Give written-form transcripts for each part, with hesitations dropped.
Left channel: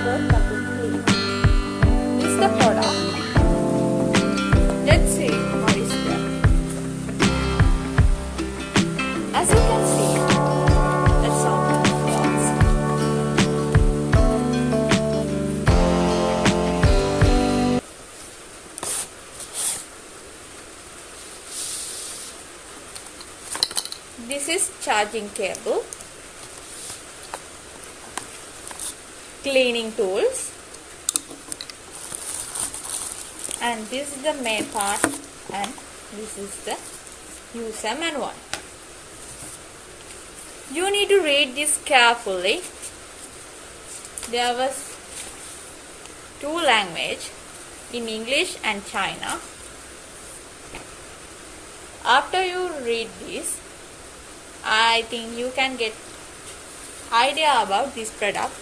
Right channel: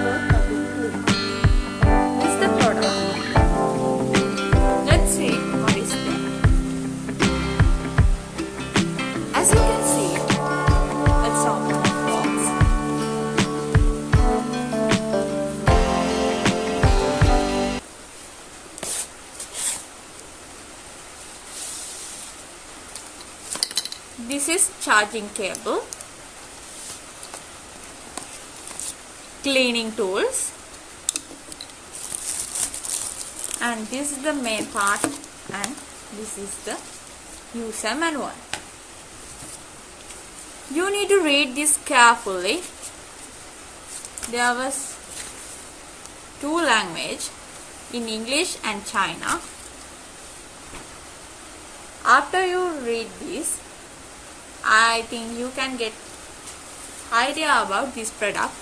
comfortable but to clean. This is the product. Let's see what is there. As you can see, a soft box. This is charging cable, cleaning tools, and this is the main part, and this is the user manual. You need to read this carefully. There was two languages, in English and China. After you read this, I think you can get idea about this product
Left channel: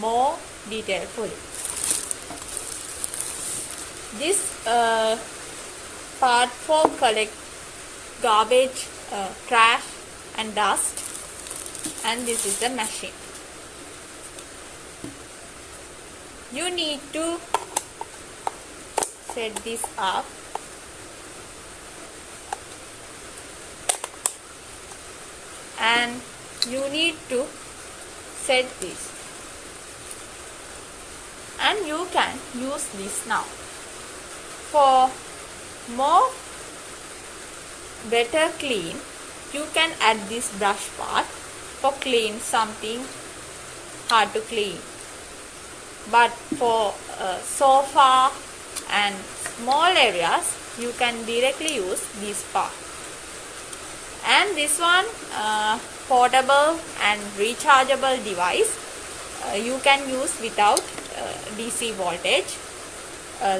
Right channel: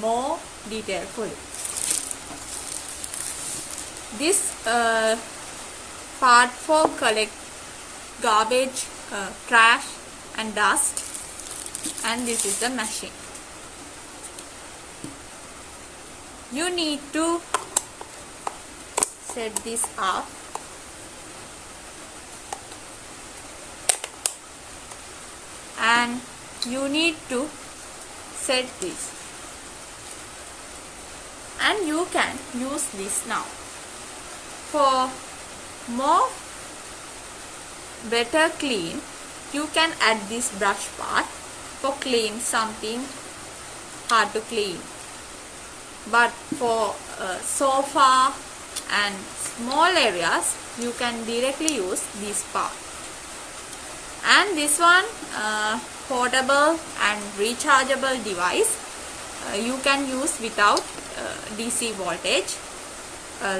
more detailfully. This part for collect garbage, trash and dust, and this is the machine. You need to set this up. And you need to set this, and you can use this now. For more better clean, you can add this brush part for clean something hard to clean. But for sofa and small areas, you can directly use this part. And this one, portable and rechargeable device, you can use without DC voltage,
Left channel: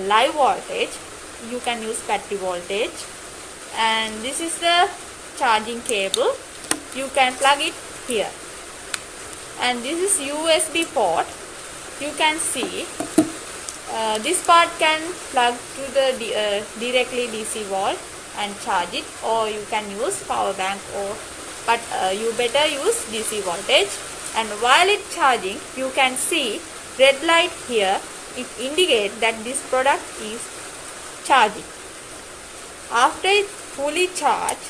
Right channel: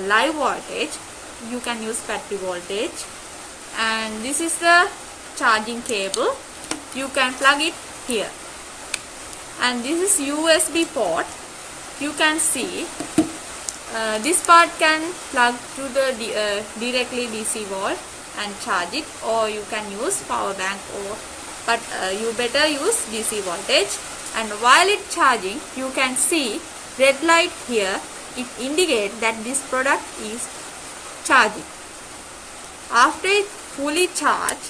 live voltage, you can use battery voltage. And this is the charging cable, you can plug it here. And this is USB port. You can see this part can plug to the directly DC wall and charge it, or you can use power bank, but you better use DC voltage. And while it charging, you can see red light here. It indicates that this product is charging. After it fully charged,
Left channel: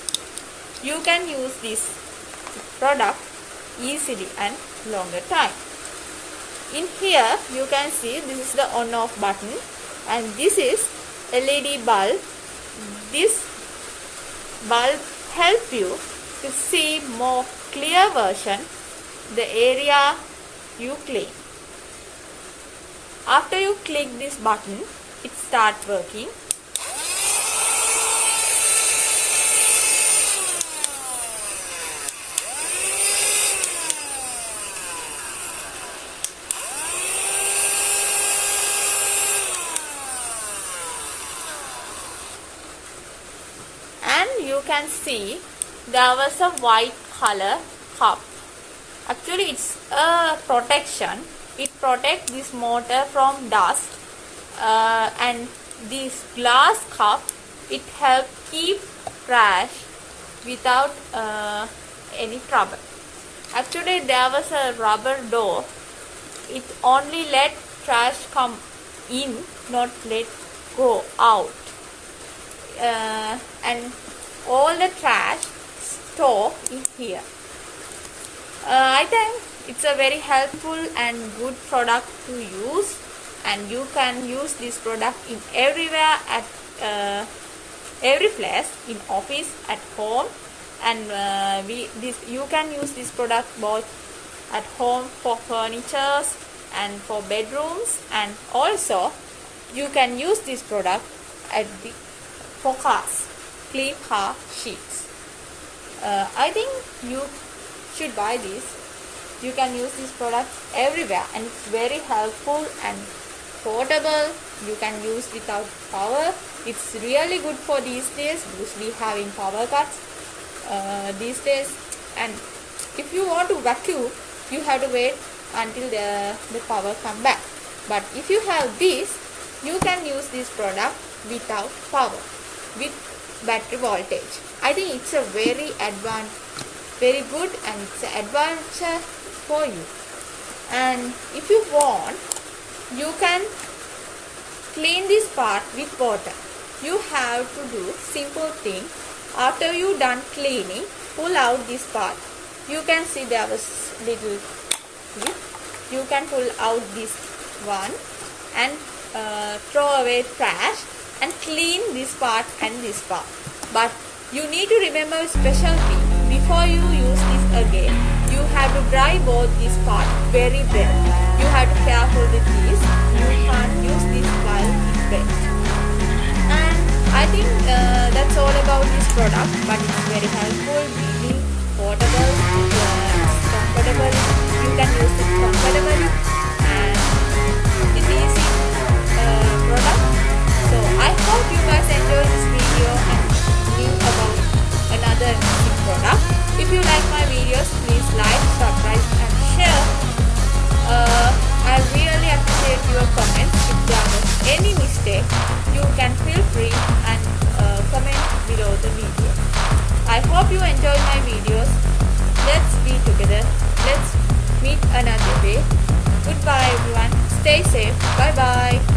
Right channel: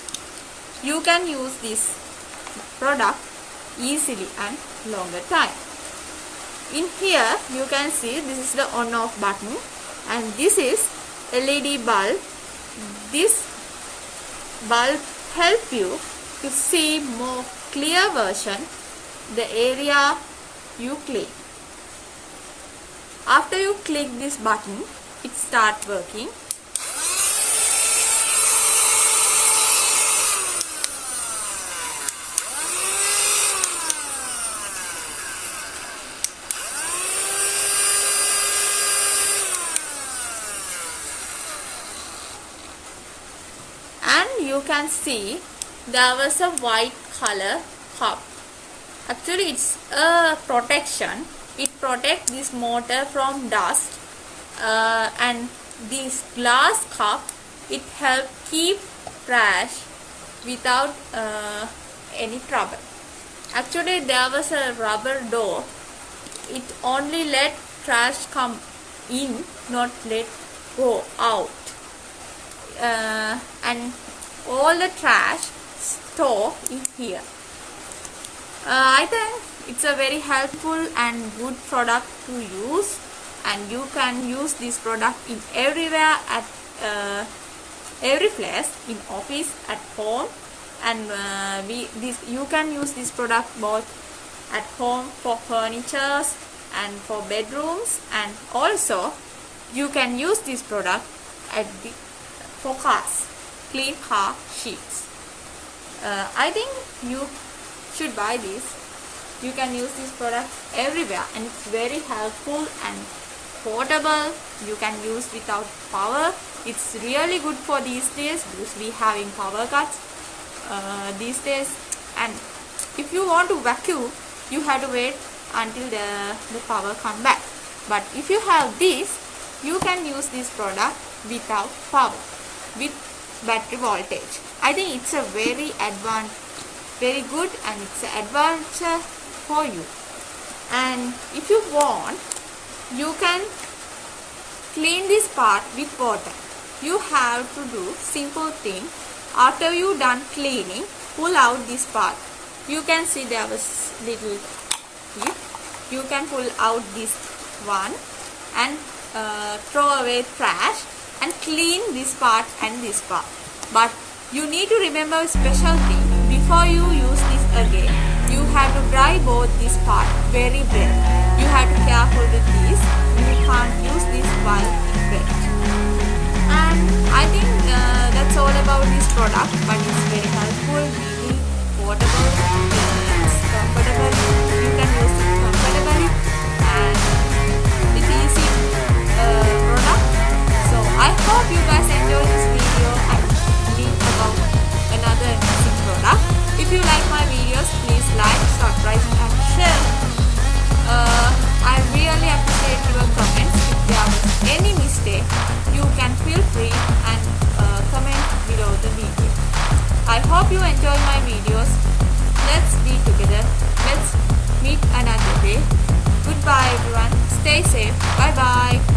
you can use this product easily and longer time. In here you can see this is the on off button, and this is LED bulb. This bulb help you to see more clear version the area you clean. After you click this button, it start working. And you can see there was a white color cup. Actually it's a protection. It protects this motor from dust, and this glass cup, it helps keep trash without any trouble. Actually there was a rubber door. It only let trash come in, not let go out. And all the trash store in here. I think it's a very helpful and good product to use, and you can use this product in everywhere, at every place, in office, at home. And you can use this product both at home for furnitures and for bedrooms, and also you can use this product for cars, clean car sheets. I think you should buy this. You can use this product everywhere, and it's very helpful and portable. You can use without power. It's really good for these days because we having power cuts these days. And if you want to vacuum, you have to wait until the power come back. But if you have this, you can use this product without power, with battery voltage. I think it's a very good, and it's an advantage for you. And if you want, you can clean this part with water. You have to do simple thing. After you done cleaning, pull out this part. You can see there was little bit. You can pull out this one and throw away trash and clean this part and this part. But you need to remember a special thing. Before you use this again, you have to dry both this part very well. You have to be careful with this. You can't use this while it's wet. And I think that's all about this product, but it's very helpful, really portable, it's comfortable, you can use it comfortably, and it is product. So I hope you guys enjoy this video and knew about another amazing product. If you like my videos, please like, subscribe and share. I really appreciate your comments. If there was any mistake, you can feel free and comment below the video. I hope you enjoy my videos. Let's be together. Let's meet another day. Goodbye everyone. Stay safe. Bye bye.